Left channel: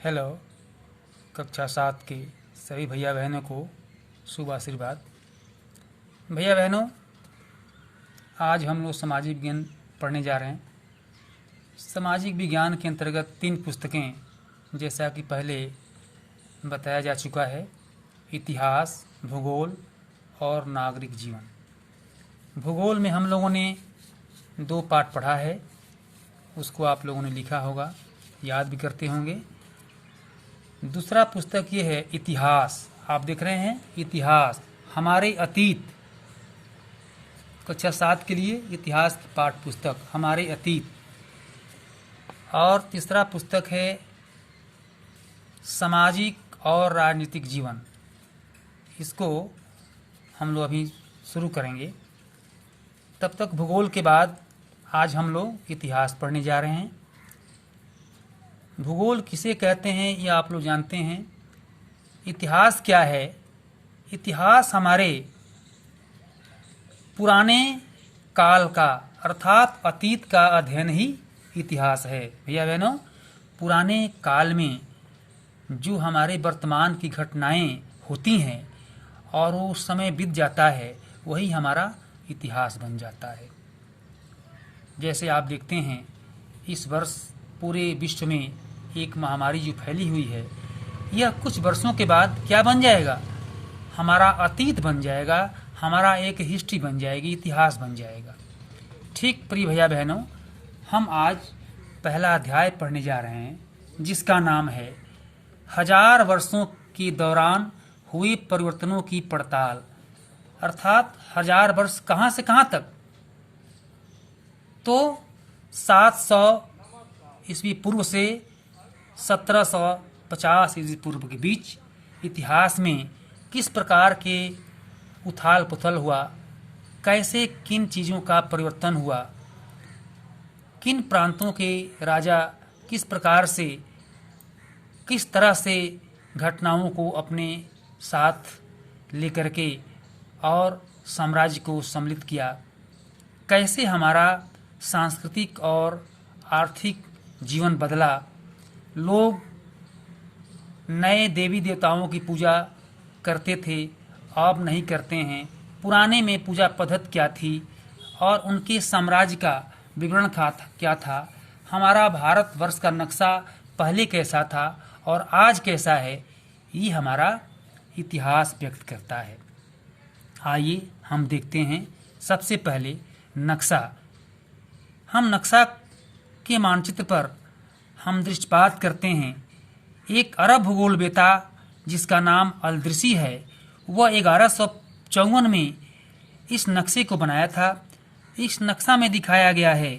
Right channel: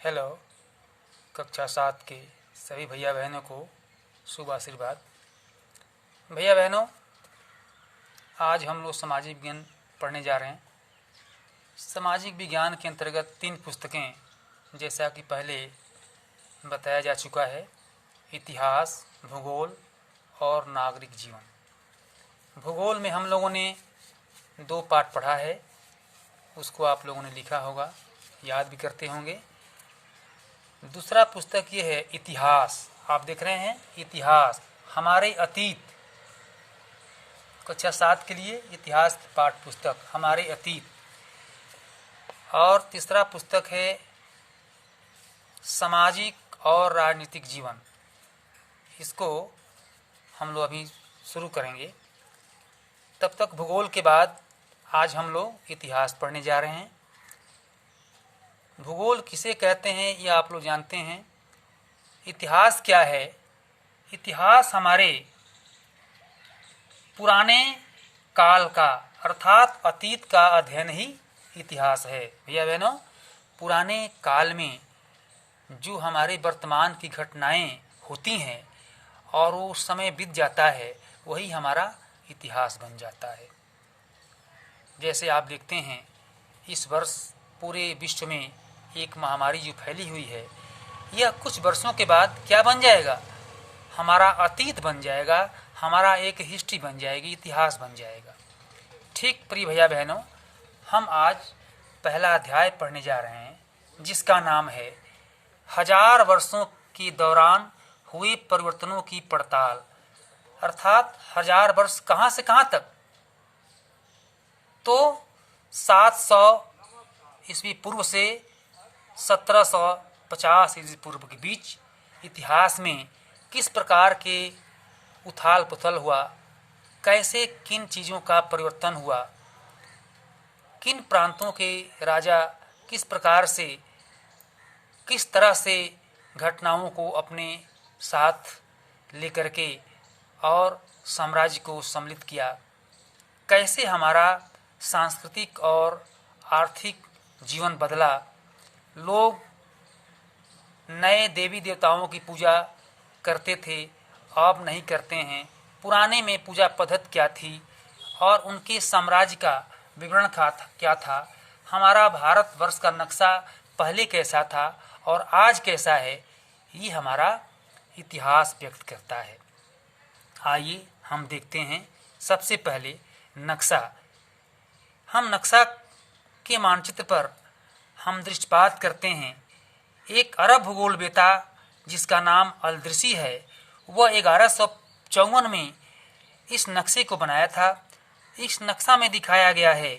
Hello. कक्षा 7 के सभी भैया बहनों को शुभ आशीर्वाद। भैया बहनों, आज हम लोग सामाजिक विज्ञान पढ़ने जा रहे हैं। सामाजिक विज्ञान के अंतर्गत 3 पुस्तकें, जैसा कि पहले बताया जा चुका है, इतिहास, भूगोल और नागरिक जीवन। भूगोल में हम लोगों ने 2 पाठ पढ़ा है, उसको आप लोगों ने लिखा होगा, याद भी करते होंगे। दूसरा पुस्तक ये है इतिहास। आप देख रहे हैं इतिहास, हमारे अतीत। कक्षा 7 के लिए इतिहास पाठ पुस्तक हमारे अतीत। और तीसरा पुस्तक है सामाजिक और राजनीतिक जीवन। इसको हम लोग अभी शुरू करेंगे। तब तक भूगोल के बाद आज हम लोग इतिहास पढ़ने जा रहे हैं। भूगोल किसे कहते हैं ये आप लोग जानते हैं। इतिहास क्या है? इतिहास हमारे पुराने काल का अर्थात अतीत का अध्ययन ही इतिहास है। भैया बहनों, पुराने काल में जो हमारे वर्तमान की घटनाएं होती हैं और वो समय बीत जाता है, वही हमारा इतिहास बन जाता है। जैसे आप देखते हैं, इस वर्ष पूरे विश्व में एक महामारी जो फैली हुई है, यह कुछ वर्षों के बाद क्या बन जाएगा? हमारा अतीत बन जाएगा, हमारा एक हिस्ट्री बन जाएगी, इतिहास बन जाएगा। ठीक प्रिय भैया बहनों, हम आज पहला अध्याय पढ़ने जा रहे हैं, जिसका नाम है 1000 वर्षों के दौरान हुए परिवर्तनों की पड़ताल। अर्थात 1000 वर्ष कहाँ से कहाँ तक? तो 700 ईस्वी पूर्व से 1750 ईस्वी पूर्व के बीच इतिहास में किस प्रकार के उथाल पुथल हुआ, कैसे किन चीज़ों का परिवर्तन हुआ, किन प्रांतों के राजा किस प्रकार से किस तरह से घटनाओं को अपने साथ लेकर के और साम्राज्य को सम्मिलित किया, कैसे हमारा सांस्कृतिक और आर्थिक जीवन बदला, लोग नए देवी देवताओं की पूजा करते थे, अब नहीं करते हैं, पुराने में पूजा पद्धति क्या थी और उनके साम्राज्य का विवरण क्या था, हमारा भारतवर्ष का नक्शा पहले कैसा था और आज कैसा है, ये हमारा इतिहास व्यक्त करता है। आइए हम देखते हैं। सबसे पहले नक्शा। हम नक्शा के मानचित्र पर हम दृष्टिपात करते हैं। एक अरब भूगोलवेत्ता जिसका नाम अलदृसी है, वह 1154 में इस नक्शे को बनाया था। इस नक्शा में दिखाया गया है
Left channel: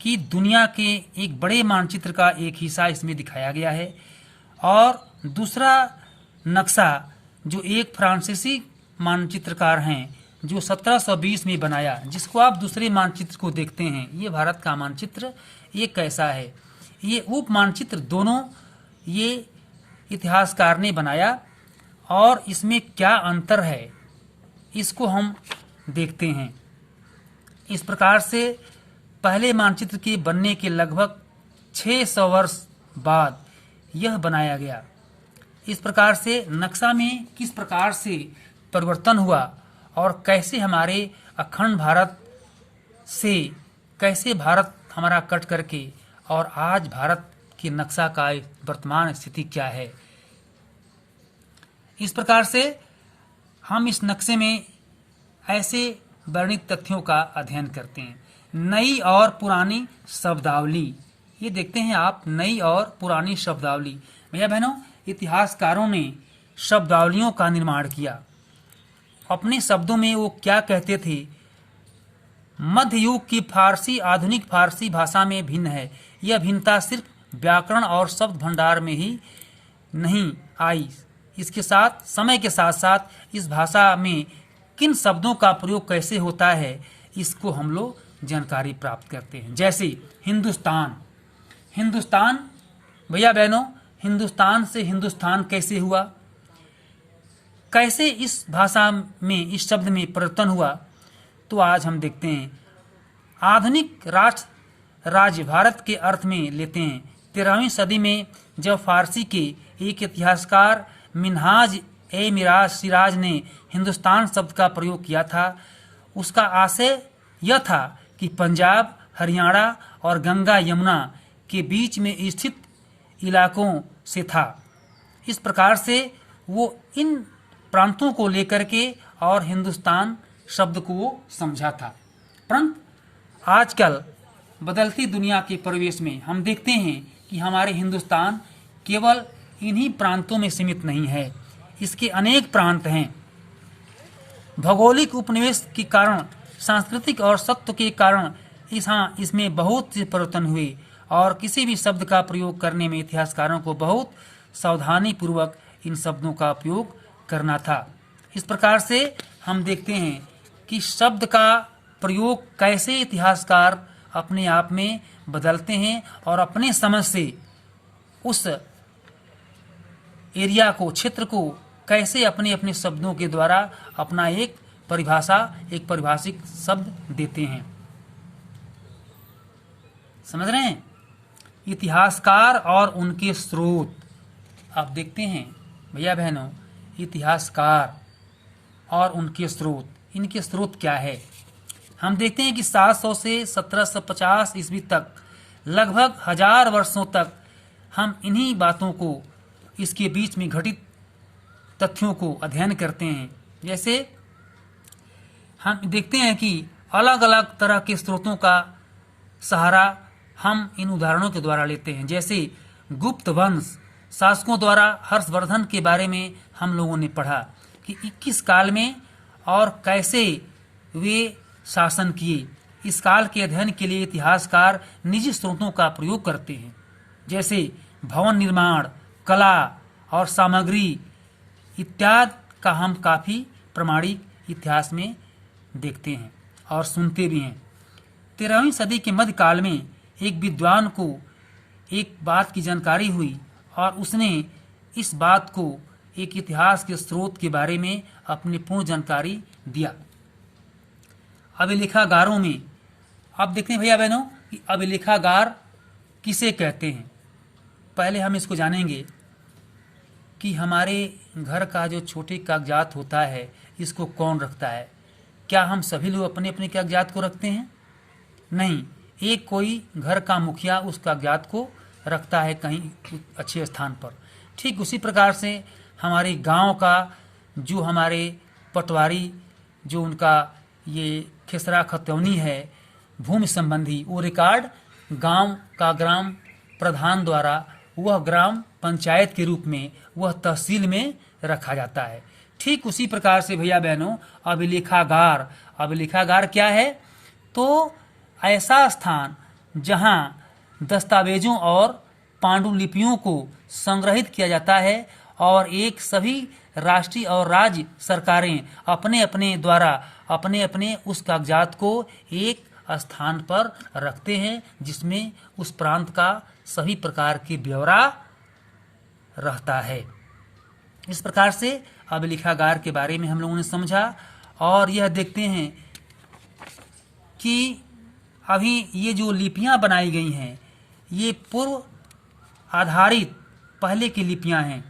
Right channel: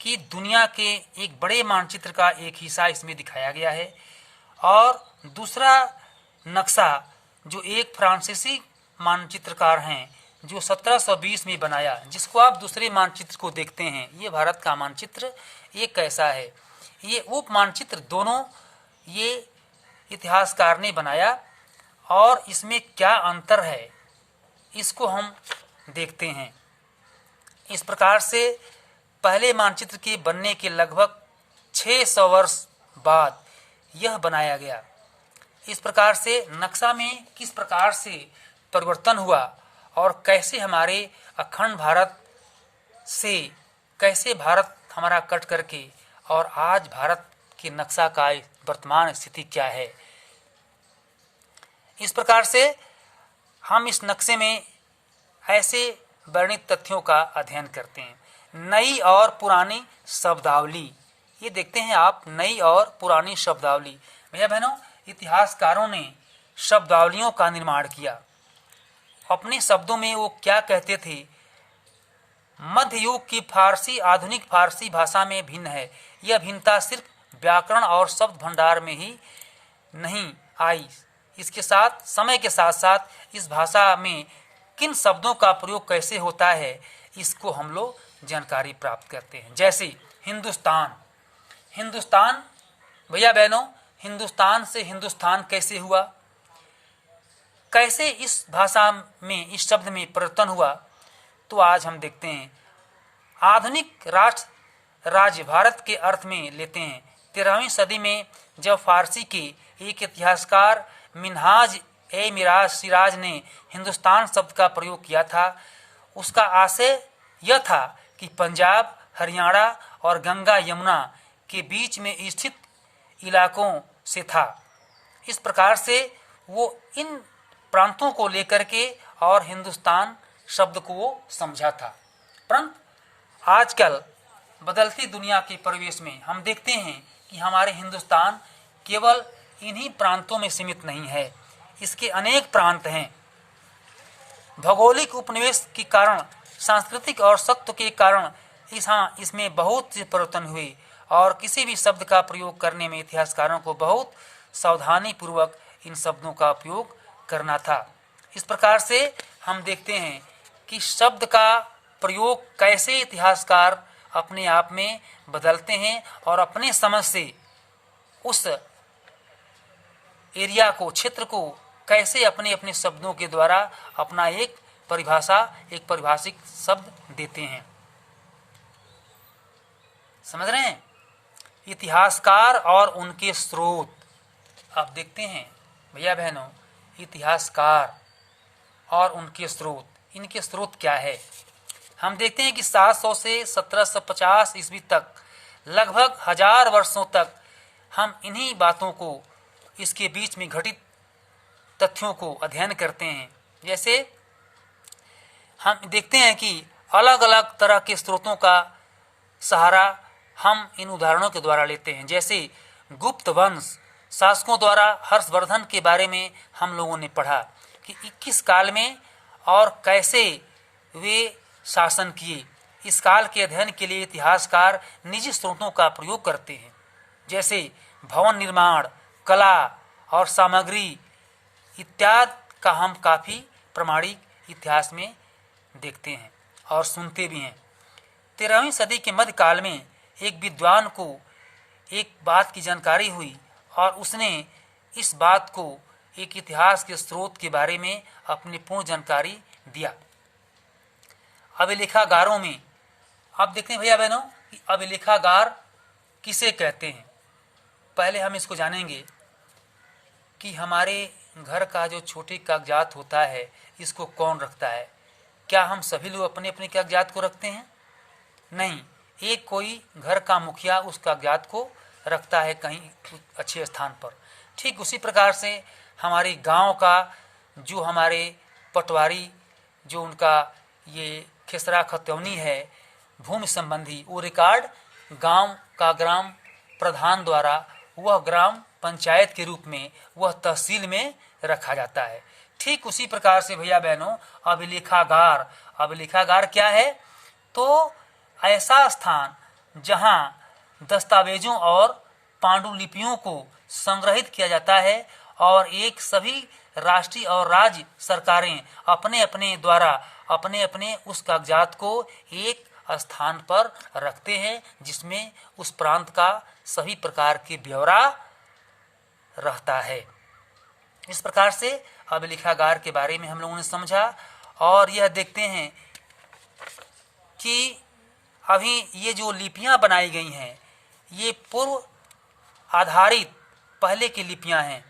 कि दुनिया के एक बड़े मानचित्र का एक हिस्सा इसमें दिखाया गया है। और दूसरा नक्शा जो एक फ्रांसीसी मानचित्रकार हैं, जो 1720 में बनाया, जिसको आप दूसरे मानचित्र को देखते हैं, ये भारत का मानचित्र, ये कैसा है, ये उप मानचित्र दोनों ये इतिहासकार ने बनाया और इसमें क्या अंतर है, इसको हम देखते हैं। इस प्रकार से पहले मानचित्र के बनने के लगभग 600 वर्ष बाद यह बनाया गया। इस प्रकार से नक्शा में किस प्रकार से परिवर्तन हुआ और कैसे हमारे अखंड भारत से कैसे भारत हमारा कट करके और आज भारत के नक्शा का वर्तमान स्थिति क्या है, इस प्रकार से हम इस नक्शे में ऐसे वर्णित तथ्यों का अध्ययन करते हैं। नई और पुरानी शब्दावली, ये देखते हैं आप, नई और पुरानी शब्दावली। भैया बहनों, इतिहासकारों ने शब्दावलियों का निर्माण किया। अपने शब्दों में वो क्या कहते थे? मध्य युग की फारसी आधुनिक फारसी भाषा में भिन्न है। यह भिन्नता सिर्फ व्याकरण और शब्द भंडार में ही नहीं आई, इसके साथ समय के साथ साथ इस भाषा में किन शब्दों का प्रयोग कैसे होता है, इसको हम लोग जानकारी प्राप्त करते हैं। जैसे हिंदुस्तान। हिंदुस्तान भैया बहनों, हिंदुस्तान से हिंदुस्तान कैसे हुआ, कैसे इस भाषा में इस शब्द में परिवर्तन हुआ, तो आज हम देखते हैं। आधुनिक राष्ट्र राज्य भारत के अर्थ में लेते हैं 13वीं सदी में जब फारसी के एक इतिहासकार मिन्हाज ए मिराज सिराज ने हिंदुस्तान शब्द का प्रयोग किया था, उसका आशय यह था कि पंजाब, हरियाणा और गंगा यमुना के बीच में स्थित इलाकों से था। इस प्रकार से वो इन प्रांतों को लेकर के और हिंदुस्तान शब्द को वो समझा था। परंतु आजकल बदलती दुनिया के परिवेश में हम देखते हैं कि हमारे हिंदुस्तान केवल इन्हीं प्रांतों में सीमित नहीं है, इसके अनेक प्रांत हैं। भौगोलिक उपनिवेश के कारण, सांस्कृतिक और सत्व के कारण इसमें बहुत से परिवर्तन हुए और किसी भी शब्द का प्रयोग करने में इतिहासकारों को बहुत सावधानी पूर्वक इन शब्दों का उपयोग करना था। इस प्रकार से हम देखते हैं कि शब्द का प्रयोग कैसे इतिहासकार अपने आप में बदलते हैं और अपने समझ से उस एरिया को, क्षेत्र को कैसे अपने अपने शब्दों के द्वारा अपना एक परिभाषिक शब्द देते हैं। समझ रहे हैं? इतिहासकार और उनके स्रोत। आप देखते हैं भैया बहनों, इतिहासकार और उनके स्रोत, इनके स्रोत क्या है? हम देखते हैं कि 700 से 1750 ईस्वी तक लगभग 1000 वर्षों तक हम इन्हीं बातों को, इसके बीच में घटित तथ्यों को अध्ययन करते हैं। जैसे हम देखते हैं कि अलग अलग तरह के स्रोतों का सहारा हम इन उदाहरणों के द्वारा लेते हैं। जैसे गुप्त वंश शासकों द्वारा हर्षवर्धन के बारे में हम लोगों ने पढ़ा कि 21 काल में और कैसे वे शासन किए। इस काल के अध्ययन के लिए इतिहासकार निजी स्रोतों का प्रयोग करते हैं, जैसे भवन निर्माण, कला और सामग्री इत्यादि का हम काफ़ी प्रामाणिक इतिहास में देखते हैं और सुनते भी हैं। 13वीं सदी के मध्यकाल में एक विद्वान को एक बात की जानकारी हुई और उसने इस बात को एक इतिहास के स्रोत के बारे में अपनी पूर्ण जानकारी दिया। अभिलेखागारों में आप देखते हैं भैया बहनों कि अभिलेखागार किसे कहते हैं। पहले हम इसको जानेंगे कि हमारे घर का जो छोटे कागजात होता है, इसको कौन रखता है? क्या हम सभी लोग अपने अपने कागजात को रखते हैं? नहीं, एक कोई घर का मुखिया उस कागजात को रखता है कहीं अच्छे स्थान पर। ठीक उसी प्रकार से हमारे गांव का जो हमारे पटवारी, जो उनका ये खेसरा खतौनी है भूमि संबंधी, वो रिकॉर्ड गांव का ग्राम प्रधान द्वारा वह ग्राम पंचायत के रूप में, वह तहसील में रखा जाता है। ठीक उसी प्रकार से भैया बहनों अभिलेखागार, अभिलेखागार क्या है? तो ऐसा स्थान जहां दस्तावेजों और पांडुलिपियों को संग्रहित किया जाता है और एक सभी राष्ट्रीय और राज्य सरकारें अपने अपने द्वारा अपने अपने उस कागजात को एक स्थान पर रखते हैं, जिसमें उस प्रांत का सभी प्रकार के ब्यौरा रहता है। इस प्रकार से अभिलेखागार के बारे में हम लोगों ने समझा और यह देखते हैं कि अभी ये जो लिपियां बनाई गई हैं, ये पूर्व आधारित पहले की लिपियां हैं,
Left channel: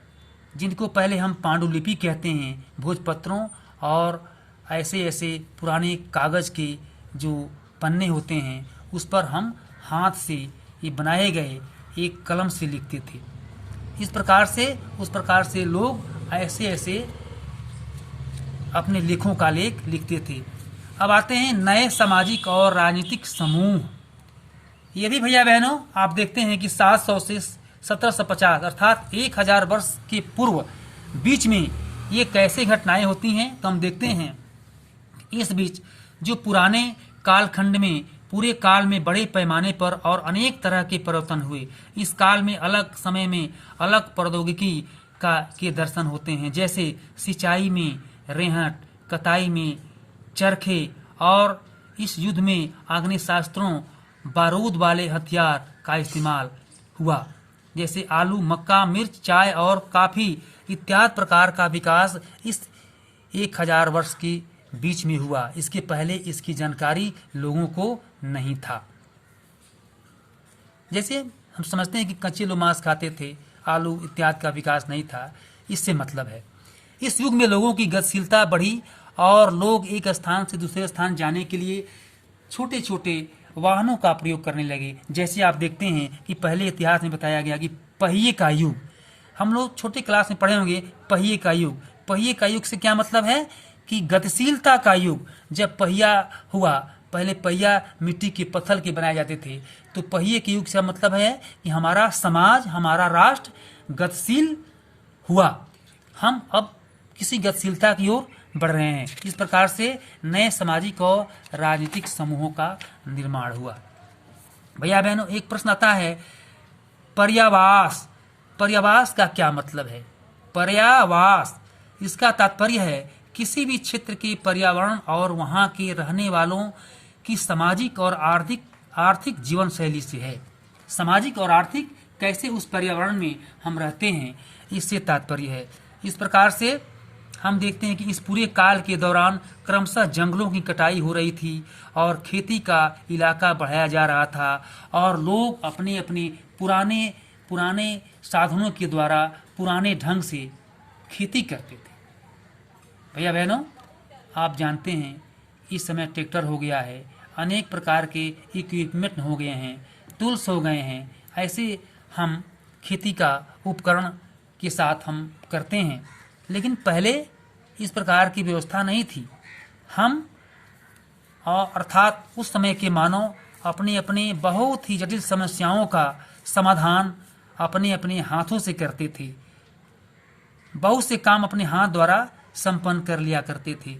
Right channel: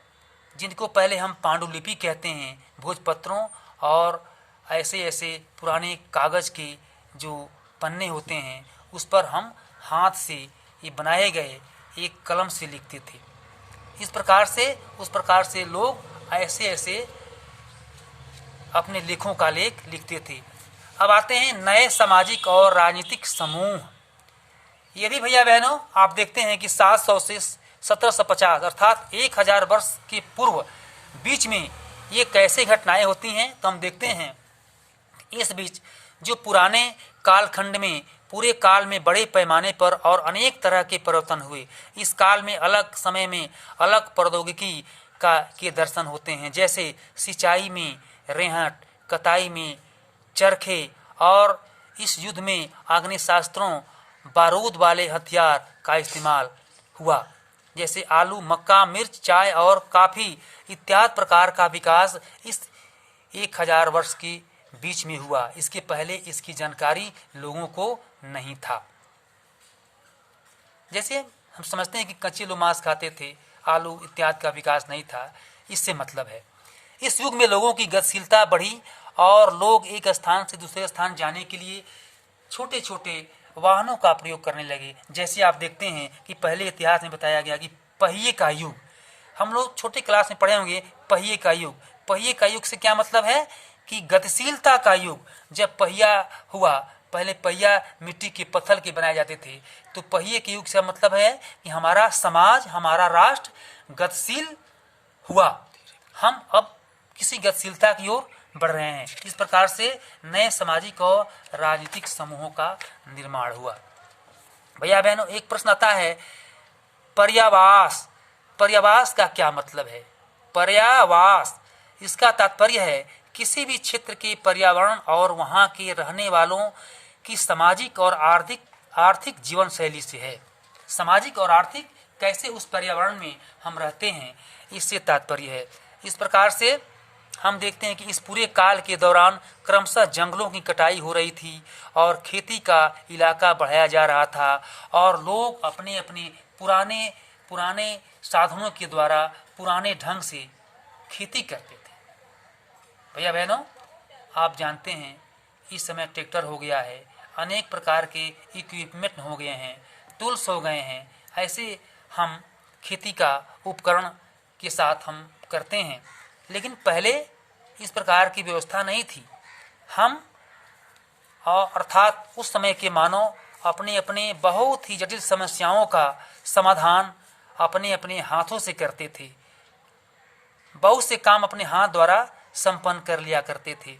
जिनको पहले हम पांडुलिपि कहते हैं। भोजपत्रों और ऐसे ऐसे पुराने कागज के जो पन्ने होते हैं, उस पर हम हाथ से ये बनाए गए एक कलम से लिखते थे। इस प्रकार से उस प्रकार से लोग ऐसे ऐसे अपने लेखों का लेख लिखते थे। अब आते हैं नए सामाजिक और राजनीतिक समूह। ये भी भैया बहनों आप देखते हैं कि 700 से 1750 अर्थात 1000 वर्ष के पूर्व बीच में ये कैसे घटनाएं होती हैं, तो हम देखते हैं इस बीच जो पुराने कालखंड में पूरे काल में बड़े पैमाने पर और अनेक तरह के परिवर्तन हुए। इस काल में अलग समय में अलग प्रौद्योगिकी के दर्शन होते हैं, जैसे सिंचाई में रेहट, कताई में चरखे और इस युद्ध में आग्नेयास्त्रों, बारूद वाले हथियार का इस्तेमाल हुआ। जैसे आलू, मक्का, मिर्च, चाय और काफ़ी इत्यादि प्रकार का विकास इस 1000 वर्ष के बीच में हुआ। इसके पहले इसकी जानकारी लोगों को नहीं था। जैसे हम समझते हैं कि कच्चे लोग मांस खाते थे, आलू इत्यादि का विकास नहीं था। इससे मतलब है इस युग में लोगों की गतिशीलता बढ़ी और लोग एक स्थान से दूसरे स्थान जाने के लिए छोटे छोटे वाहनों का प्रयोग करने लगे। जैसे आप देखते हैं कि पहले इतिहास में बताया गया कि पहिए का युग, हम लोग छोटे क्लास में पढ़े होंगे पहिए का युग। पहिए का युग से क्या मतलब है कि गतिशीलता का युग। जब पहिया हुआ, पहले पहिया मिट्टी के पत्थर के बनाए जाते थे, तो पहिए के युग से मतलब है कि हमारा समाज, हमारा राष्ट्र गतिशील हुआ। हम अब किसी गतिशीलता की ओर बढ़ रहे हैं। इस प्रकार से नए सामाजिक और राजनीतिक समूहों का निर्माण हुआ। भैया बहनों, एक प्रश्न आता है, पर्यावास। पर्यावास का क्या मतलब है? पर्यावास, इसका तात्पर्य है किसी भी क्षेत्र के पर्यावरण और वहां के रहने वालों की सामाजिक और आर्थिक जीवन शैली से है। सामाजिक और आर्थिक कैसे उस पर्यावरण में हम रहते हैं, इससे तात्पर्य है। इस प्रकार से हम देखते हैं कि इस पूरे काल के दौरान क्रमशः जंगलों की कटाई हो रही थी और खेती का इलाका बढ़ाया जा रहा था और लोग अपने अपने पुराने साधनों के द्वारा पुराने ढंग से खेती करते थे। भैया बहनों, आप जानते हैं इस समय ट्रैक्टर हो गया है, अनेक प्रकार के इक्विपमेंट हो गए हैं, टूल्स हो गए हैं। ऐसे हम खेती का उपकरण के साथ हम करते हैं, लेकिन पहले इस प्रकार की व्यवस्था नहीं थी। हम अर्थात उस समय के मानव अपने अपने बहुत ही जटिल समस्याओं का समाधान अपने अपने हाथों से करते थे। बहुत से काम अपने हाथ द्वारा संपन्न कर लिया करते थे।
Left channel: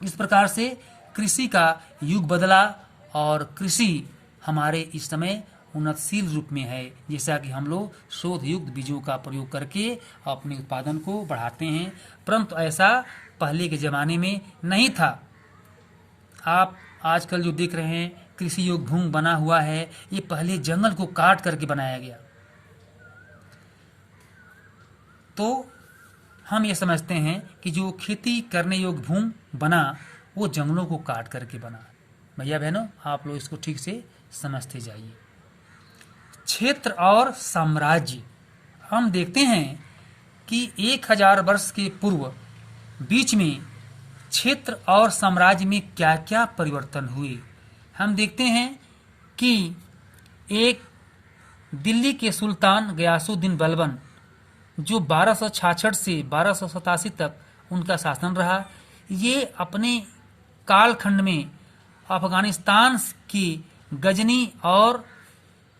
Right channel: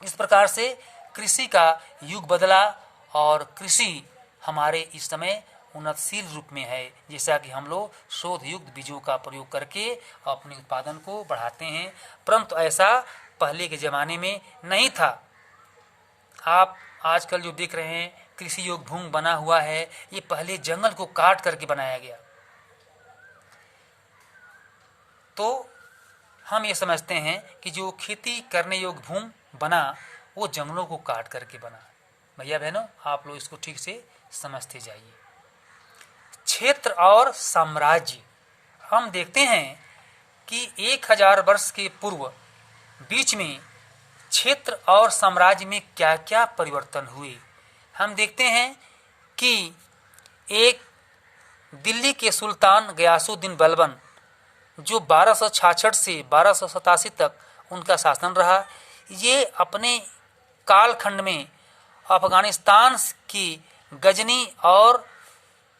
इस प्रकार से कृषि का युग बदला और कृषि हमारे इस समय उन्नतशील रूप में है। जैसा कि हम लोग शोध युक्त बीजों का प्रयोग करके अपने उत्पादन को बढ़ाते हैं, परंतु ऐसा पहले के ज़माने में नहीं था। आप आजकल जो देख रहे हैं कृषि योग भूमि बना हुआ है, ये पहले जंगल को काट करके बनाया गया। तो हम ये समझते हैं कि जो खेती करने योग्य भूमि बना वो जंगलों को काट करके बना। भैया बहनों, आप लोग इसको ठीक से समझते जाइए। क्षेत्र और साम्राज्य, हम देखते हैं कि 1000 वर्ष के पूर्व बीच में क्षेत्र और साम्राज्य में क्या क्या परिवर्तन हुए। हम देखते हैं कि एक दिल्ली के सुल्तान गयासुद्दीन बलबन, जो 1266 से 1287 तक उनका शासन रहा, ये अपने कालखंड में अफगानिस्तान की गजनी और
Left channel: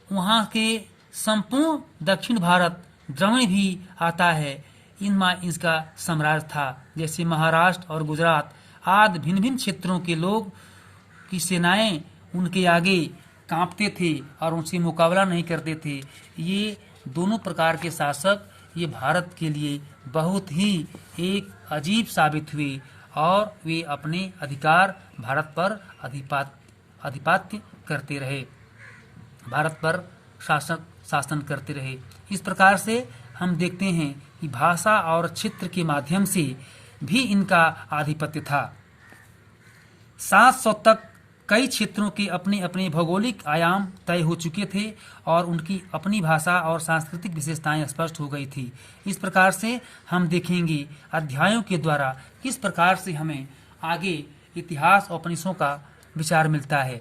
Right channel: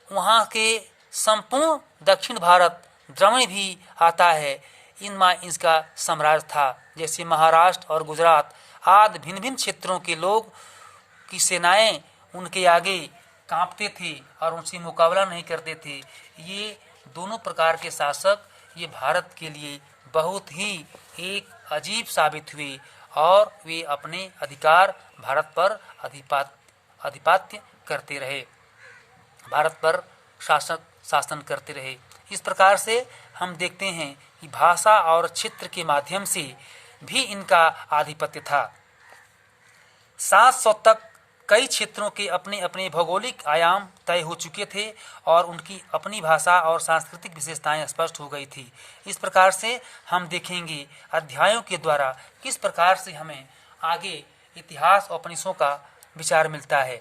वहाँ के संपूर्ण दक्षिण भारत द्रविड़ भी आता है, इनमें इसका साम्राज्य था। जैसे महाराष्ट्र और गुजरात आदि भिन्न भिन्न क्षेत्रों के लोग की सेनाएं उनके आगे कांपते थे और उनसे मुकाबला नहीं करते थे। ये दोनों प्रकार के शासक ये भारत के लिए बहुत ही एक अजीब साबित हुए और वे अपने अधिकार भारत पर अधिपत्य करते रहे, भारत पर शासन करते रहे। इस प्रकार से हम देखते हैं कि भाषा और क्षेत्र के माध्यम से भी इनका आधिपत्य था। 700 तक कई क्षेत्रों के अपने अपने भौगोलिक आयाम तय हो चुके थे और उनकी अपनी भाषा और सांस्कृतिक विशेषताएं स्पष्ट हो गई थी। इस प्रकार से हम देखेंगे अध्यायों के द्वारा किस प्रकार से हमें आगे इतिहास और उपनिषदों का विचार मिलता है।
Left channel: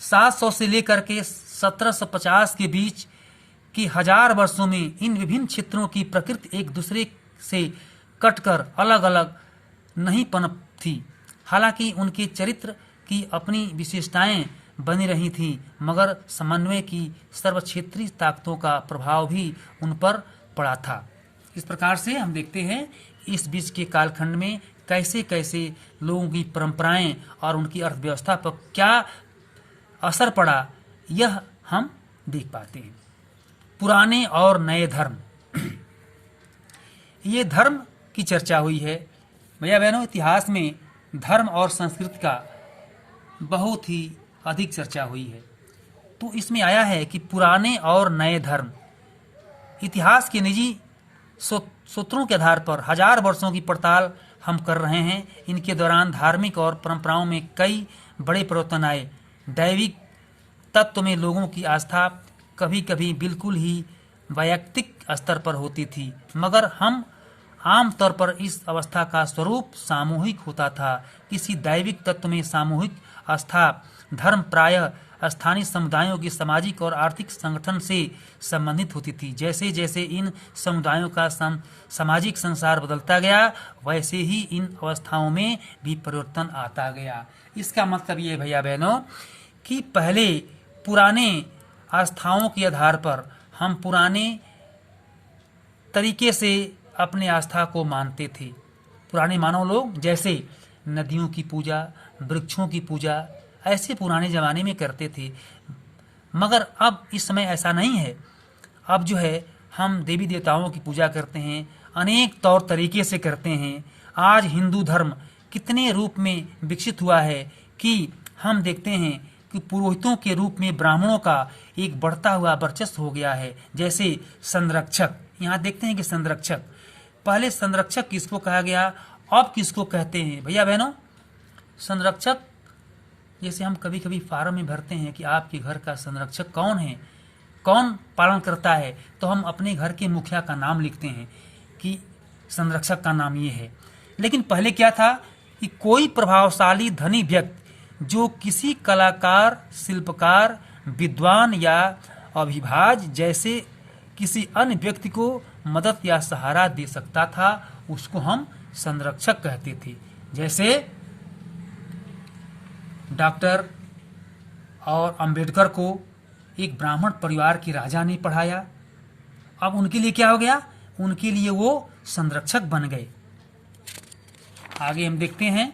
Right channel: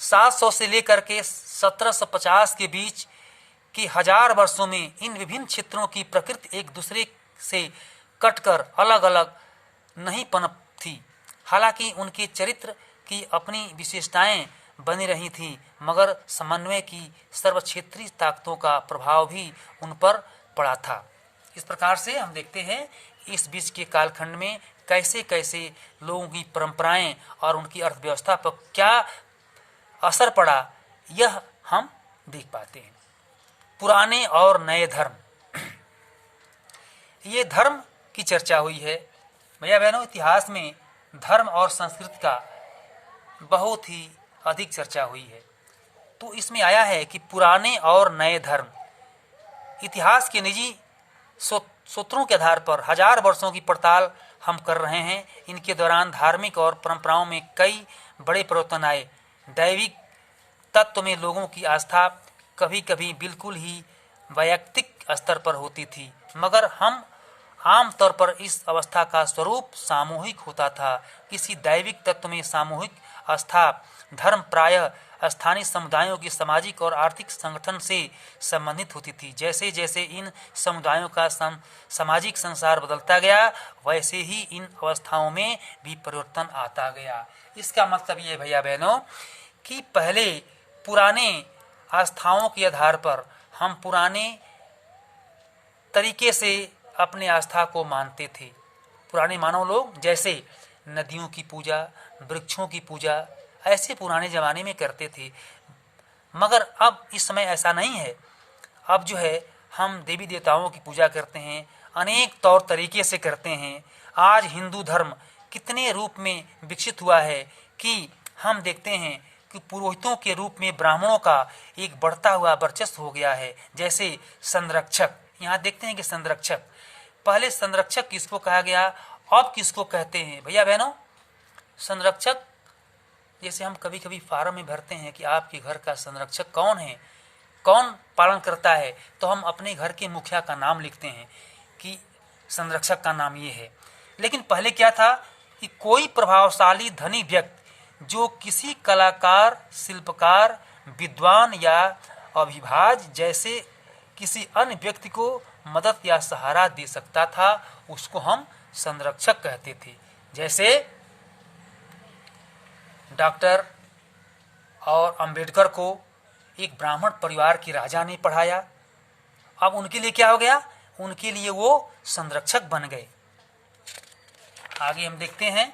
700 से लेकर के 1750 के बीच के 1000 वर्षों में इन विभिन्न क्षेत्रों की प्रकृति एक दूसरे से कटकर अलग अलग नहीं पनप थी। हालांकि उनके चरित्र की अपनी विशेषताएं बनी रही थीं, मगर समन्वय की सर्वक्षेत्रीय ताकतों का प्रभाव भी उन पर पड़ा था। इस प्रकार से हम देखते हैं इस बीच के कालखंड में कैसे कैसे लोगों की परंपराएं और उनकी अर्थव्यवस्था पर क्या असर पड़ा, यह हम देख पाते हैं। पुराने और नए धर्म, ये धर्म की चर्चा हुई है। भैया बहनों, इतिहास में धर्म और संस्कृति का बहुत ही अधिक चर्चा हुई है। तो इसमें आया है कि पुराने और नए धर्म, इतिहास के निजी सूत्रों के आधार पर 1000 वर्षों की पड़ताल हम कर रहे हैं। इनके दौरान धार्मिक और परंपराओं में कई बड़े परिवर्तन आए। दैविक तत्व में लोगों की आस्था कभी कभी बिल्कुल ही वैयक्तिक स्तर पर होती थी, मगर हम आम तौर पर इस अवस्था का स्वरूप सामूहिक होता था। किसी दैविक तत्व में सामूहिक आस्था धर्म प्रायः स्थानीय समुदायों की सामाजिक और आर्थिक संगठन से संबंधित होती थी। जैसे जैसे इन समुदायों का सामाजिक संसार बदलता गया, वैसे ही इन अवस्थाओं में भी परिवर्तन आता गया। इसका मतलब ये भैया बहनों कि पहले पुराने आस्थाओं के आधार पर हम पुराने तरीके से अपने आस्था को मानते थे। पुराने मानव लोग जैसे नदियों की पूजा, वृक्षों की पूजा ऐसे पुराने ज़माने में करते थे, मगर अब इस समय ऐसा नहीं है। अब जो है हम देवी देवताओं की पूजा करते हैं, अनेक तौर तरीके से करते हैं। आज हिंदू धर्म कितने रूप में विकसित हुआ है कि हम देखते हैं कि पुरोहितों के रूप में ब्राह्मणों का एक बढ़ता हुआ वर्चस्व हो गया है। जैसे संरक्षक, यहाँ देखते हैं कि संरक्षक, पहले संरक्षक किसको कहा गया, अब किसको कहते हैं भैया बहनों? संरक्षक जैसे हम कभी कभी फार्म में भरते हैं कि आपके घर का संरक्षक कौन है, कौन पालन करता है, तो हम अपने घर के मुखिया का नाम लिखते हैं कि संरक्षक का नाम ये है। लेकिन पहले क्या था कि कोई प्रभावशाली धनी व्यक्ति जो किसी कलाकार, शिल्पकार, विद्वान या अभिभाज जैसे किसी अन्य व्यक्ति को मदद या सहारा दे सकता था, उसको हम संरक्षक कहते थे। जैसे डॉक्टर और अंबेडकर को एक ब्राह्मण परिवार के राजा ने पढ़ाया, अब उनके लिए क्या हो गया, उनके लिए वो संरक्षक बन गए। आगे हम देखते हैं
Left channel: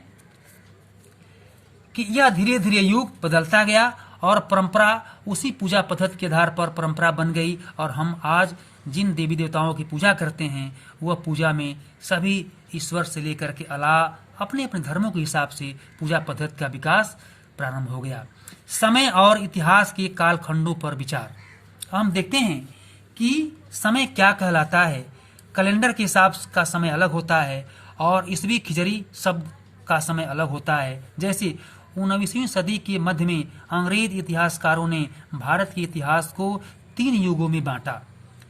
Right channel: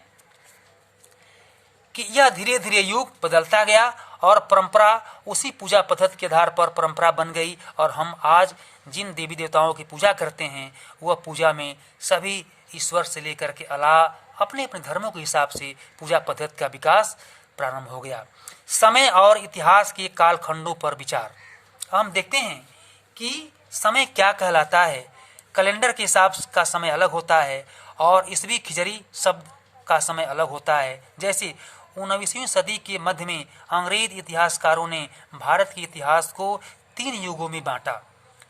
कि यह धीरे धीरे युग बदलता गया और परंपरा उसी पूजा पद्धति के आधार पर परंपरा बन गई, और हम आज जिन देवी देवताओं की पूजा करते हैं वह पूजा में सभी ईश्वर से लेकर के अल्लाह अपने अपने धर्मों के हिसाब से पूजा पद्धति का विकास प्रारंभ हो गया। समय और इतिहास के कालखंडों पर विचार, हम देखते हैं कि समय क्या कहलाता है। कैलेंडर के हिसाब का समय अलग होता है और ईसवी खिजरी शब्द का समय अलग होता है। जैसे 19वीं सदी के मध्य में अंग्रेज इतिहासकारों ने भारत के इतिहास को 3 युगों में बांटा,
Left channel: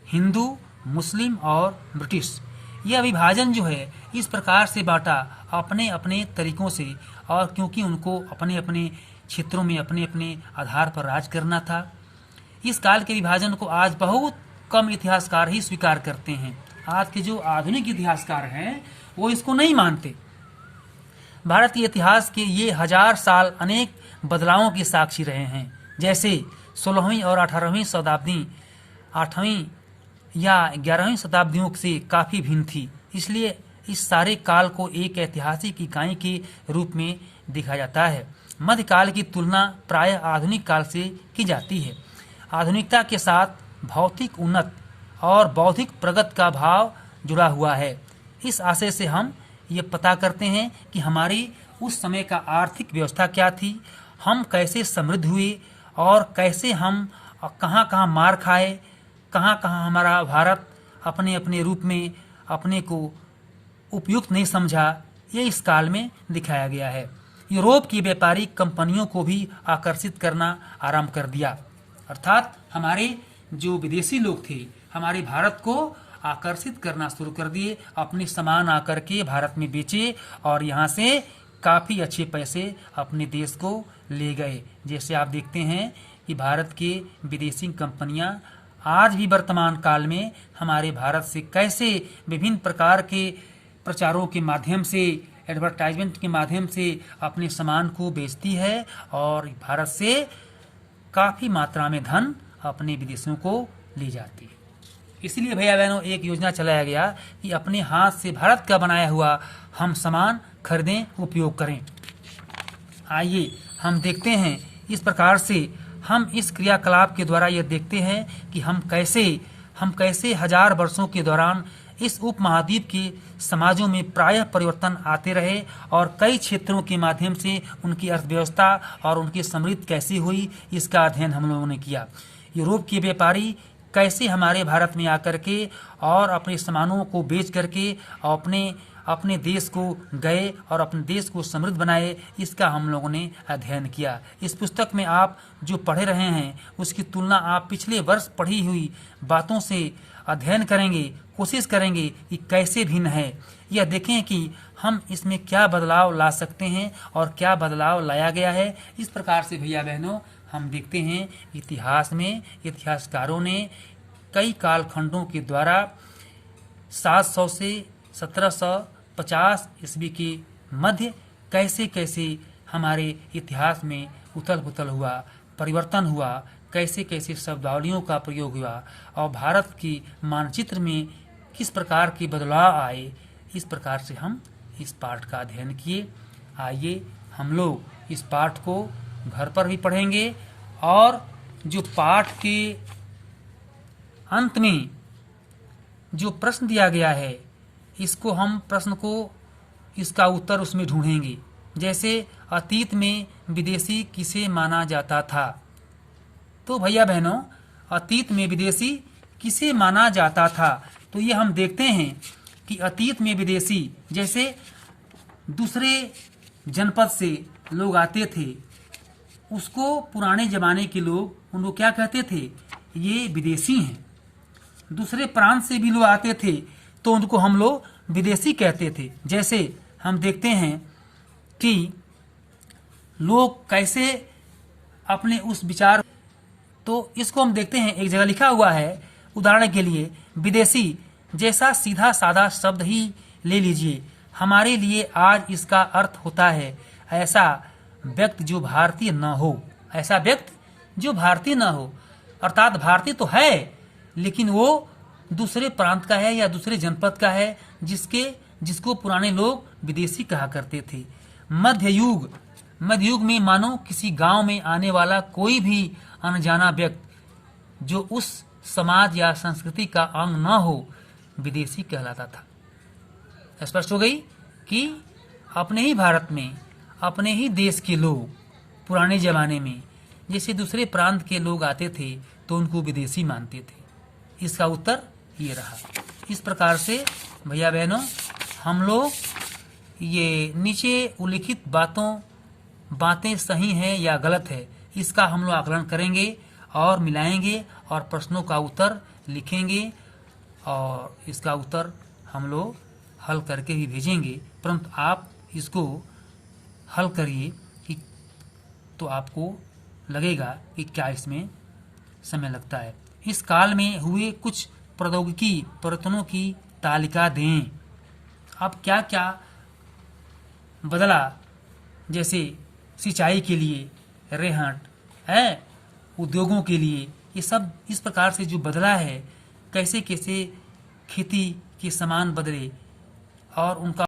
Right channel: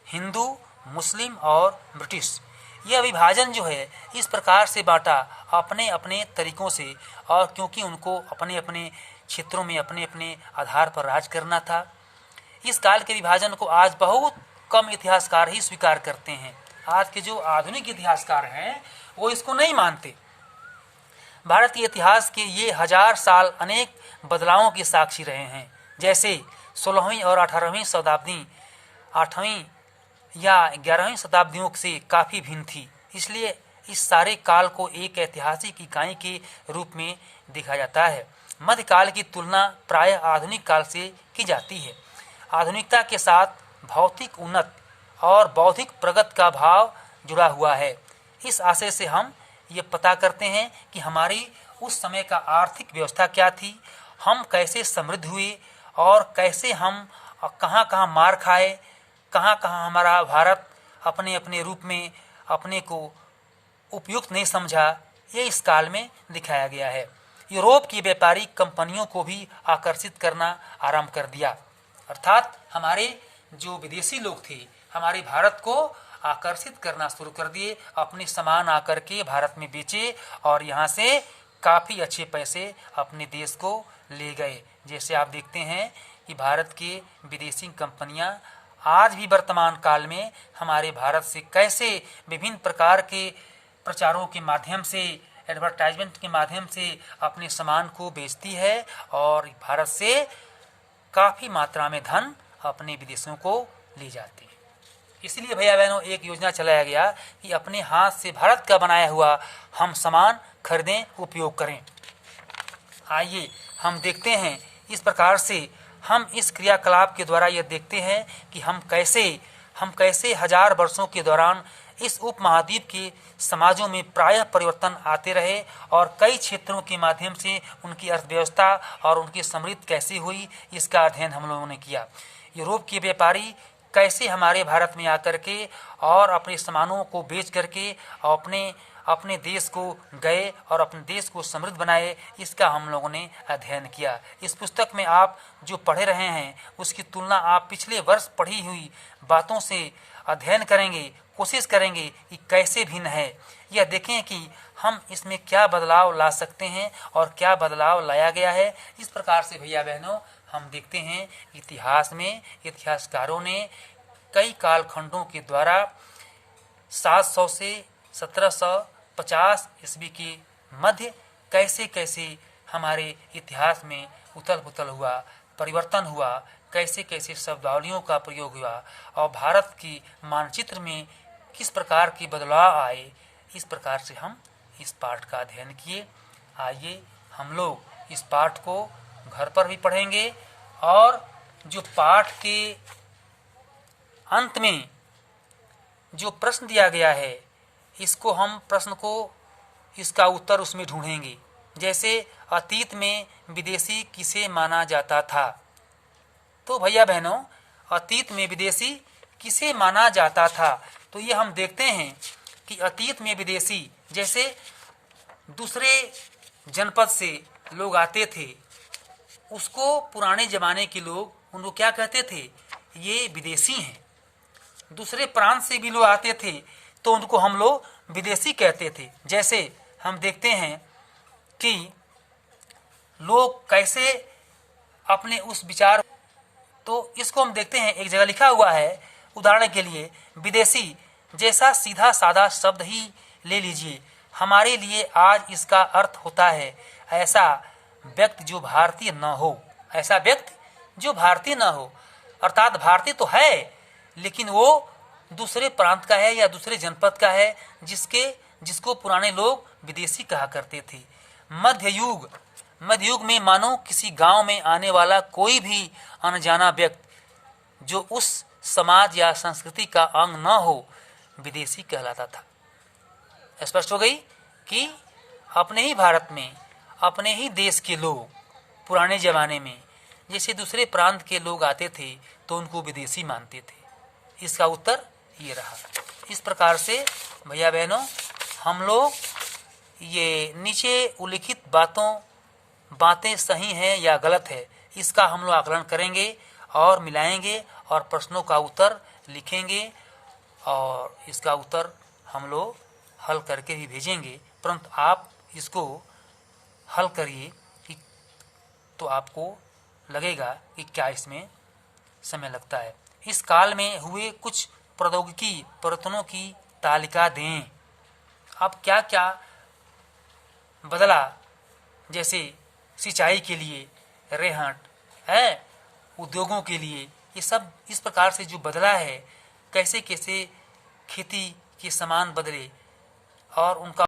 हिंदू, मुस्लिम और ब्रिटिश। यह विभाजन जो है इस प्रकार से बांटा अपने अपने तरीकों से, और क्योंकि उनको अपने अपने क्षेत्रों में अपने अपने आधार पर राज करना था। इस काल के विभाजन को आज बहुत कम इतिहासकार ही स्वीकार करते हैं। आज के जो आधुनिक इतिहासकार हैं वो इसको नहीं मानते। भारत के इतिहास के ये 1000 साल अनेक बदलावों के साक्षी रहे हैं। जैसे 16वीं और 18वीं शताब्दी 8वीं या 11वीं शताब्दियों से काफ़ी भिन्न थी, इसलिए इस सारे काल को एक ऐतिहासिक इकाई के रूप में देखा जाता है। मध्यकाल की तुलना प्रायः आधुनिक काल से की जाती है। आधुनिकता के साथ भौतिक उन्नत और बौद्धिक प्रगति का भाव जुड़ा हुआ है। इस आशय से हम ये पता करते हैं कि हमारी उस समय का आर्थिक व्यवस्था क्या थी, हम कैसे समृद्ध हुए और कैसे हम कहाँ कहाँ मार खाए, कहाँ कहाँ हमारा भारत अपने अपने रूप में अपने को उपयुक्त नहीं समझा, ये इस काल में दिखाया गया है। यूरोप की व्यापारिक कंपनियों को भी आकर्षित करना आरंभ कर दिया, अर्थात हमारे जो विदेशी लोग थे हमारे भारत को आकर्षित करना शुरू कर दिए, अपने सामान आकर के भारत में बेचे और यहाँ से काफ़ी अच्छे पैसे अपने देश को ले गए। जैसे आप देखते हैं कि भारत के विदेशी कंपनियां आज भी वर्तमान काल में हमारे भारत से कैसे विभिन्न प्रकार के प्रचारों के माध्यम से, एडवर्टाइजमेंट के माध्यम से अपने सामान को बेचती है और भारत से काफ़ी मात्रा में धन अपने विदेशों को ले जाती है। इसलिए भैया बहनों एक योजना चलाया गया कि अपने हाथ से भारत का बनाया हुआ हम सामान खरीदें, उपयोग करें। आइए हम देखते हैं इस प्रकार से हम इस क्रियाकलाप के द्वारा यह देखते हैं कि हम कैसे 1000 वर्षों के दौरान इस उपमहाद्वीप के समाजों में प्रायः परिवर्तन आते रहे और कई क्षेत्रों के माध्यम से उनकी अर्थव्यवस्था और उनकी समृद्धि कैसी हुई, इसका अध्ययन हम लोगों ने किया। यूरोप के व्यापारी कैसे हमारे भारत में आकर के और अपने सामानों को बेच करके अपने अपने देश को गए और अपने देश को समृद्ध बनाए, इसका हम लोगों ने अध्ययन किया। इस पुस्तक में आप जो पढ़े रहे हैं उसकी तुलना आप पिछले वर्ष पढ़ी हुई बातों से अध्ययन करेंगे, कोशिश करेंगे कि कैसे भिन्न है। यह देखें कि हम इसमें क्या बदलाव ला सकते हैं और क्या बदलाव लाया गया है। इस प्रकार से भैया बहनों हम देखते हैं इतिहास में इतिहासकारों ने कई कालखंडों के द्वारा 700 से 1750 ईस्वी के मध्य कैसे कैसे हमारे इतिहास में उथल पुथल हुआ, परिवर्तन हुआ, कैसे कैसे शब्दावलियों का प्रयोग हुआ और भारत की मानचित्र में किस प्रकार के बदलाव आए। इस प्रकार से हम इस पाठ का अध्ययन किए। आइए हम लोग इस पाठ को घर पर भी पढ़ेंगे और जो पाठ के अंत में जो प्रश्न दिया गया है इसको हम प्रश्न को इसका उत्तर उसमें ढूंढेंगे। जैसे अतीत में विदेशी किसे माना जाता था। तो भैया बहनों अतीत में विदेशी किसे माना जाता था, तो ये हम देखते हैं कि अतीत में विदेशी जैसे दूसरे जनपद से लोग आते थे, उसको पुराने जमाने के लोग उनको क्या कहते थे, ये विदेशी हैं। दूसरे प्रांत से भी लोग आते थे तो उनको हम लोग विदेशी कहते थे। जैसे हम देखते हैं कि लोग कैसे अपने उस विचार, तो इसको हम देखते हैं एक जगह लिखा हुआ है, उदाहरण के लिए विदेशी जैसा सीधा साधा शब्द ही ले लीजिए, हमारे लिए आज इसका अर्थ होता है ऐसा व्यक्ति जो भारतीय न हो। ऐसा व्यक्ति जो भारतीय न हो, अर्थात भारतीय तो है लेकिन वो दूसरे प्रांत का है या दूसरे जनपद का है, जिसको पुराने लोग विदेशी कहा करते थे। मध्य युग में मानो किसी गांव में आने वाला कोई भी अनजाना व्यक्ति जो उस समाज या संस्कृति का अंग न हो विदेशी कहलाता था। स्पष्ट हो गई कि अपने ही भारत में अपने ही देश के लोग पुराने जमाने में जैसे दूसरे प्रांत के लोग आते थे तो उनको विदेशी मानते थे। इसका उत्तर ये रहा। इस प्रकार से भैया बहनों हम लोग ये नीचे उल्लिखित बातें सही हैं या गलत है, इसका हम लोग आकलन करेंगे और मिलाएंगे और प्रश्नों का उत्तर लिखेंगे और इसका उत्तर हम लोग हल करके भी भेजेंगे। परंतु आप इसको हल करिए कि तो आपको लगेगा कि क्या इसमें समय लगता है। इस काल में हुए कुछ प्रौद्योगिकी परिवर्तनों की तालिका दें। अब क्या क्या बदला, जैसे सिंचाई के लिए रेहट है, उद्योगों के लिए, ये सब इस प्रकार से जो बदला है, कैसे कैसे खेती के सामान बदले और उनका